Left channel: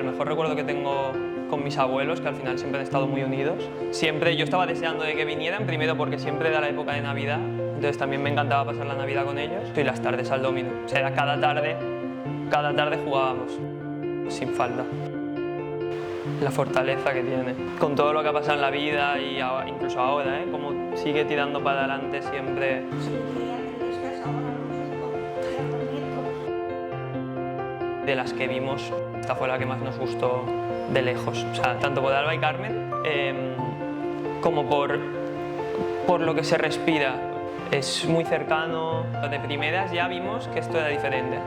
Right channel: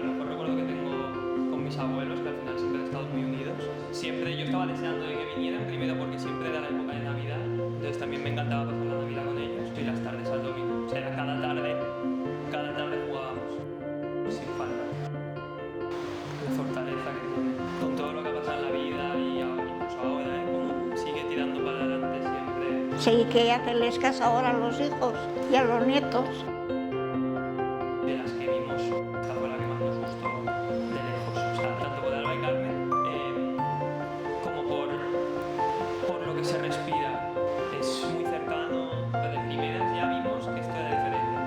El mejor recuerdo que tengo con mis abuelos, que al final siempre han estado muy unidos. Siempre yo estaba deseando de que vinieran, primero porque siempre era la época de Navidad, entonces también me encantaba pasar la Navidad con ellos. Y las tardes al dominó, o sea, cada tarde jugábamos, sin falta. La fortaleza que tiene, con todo lo que ha pasado en la vida y incluso ahora, como sigue tirando para adelante siempre. Sí, que hacerles caso ahora a los hijos y a los nietos. De las que vimos, esta fue la que más nos gustó de lejos, o sea, tanto por Alba y Carmen como por lo que se respira. Es muy cercano, de primeras ya vimos que esto era diferente.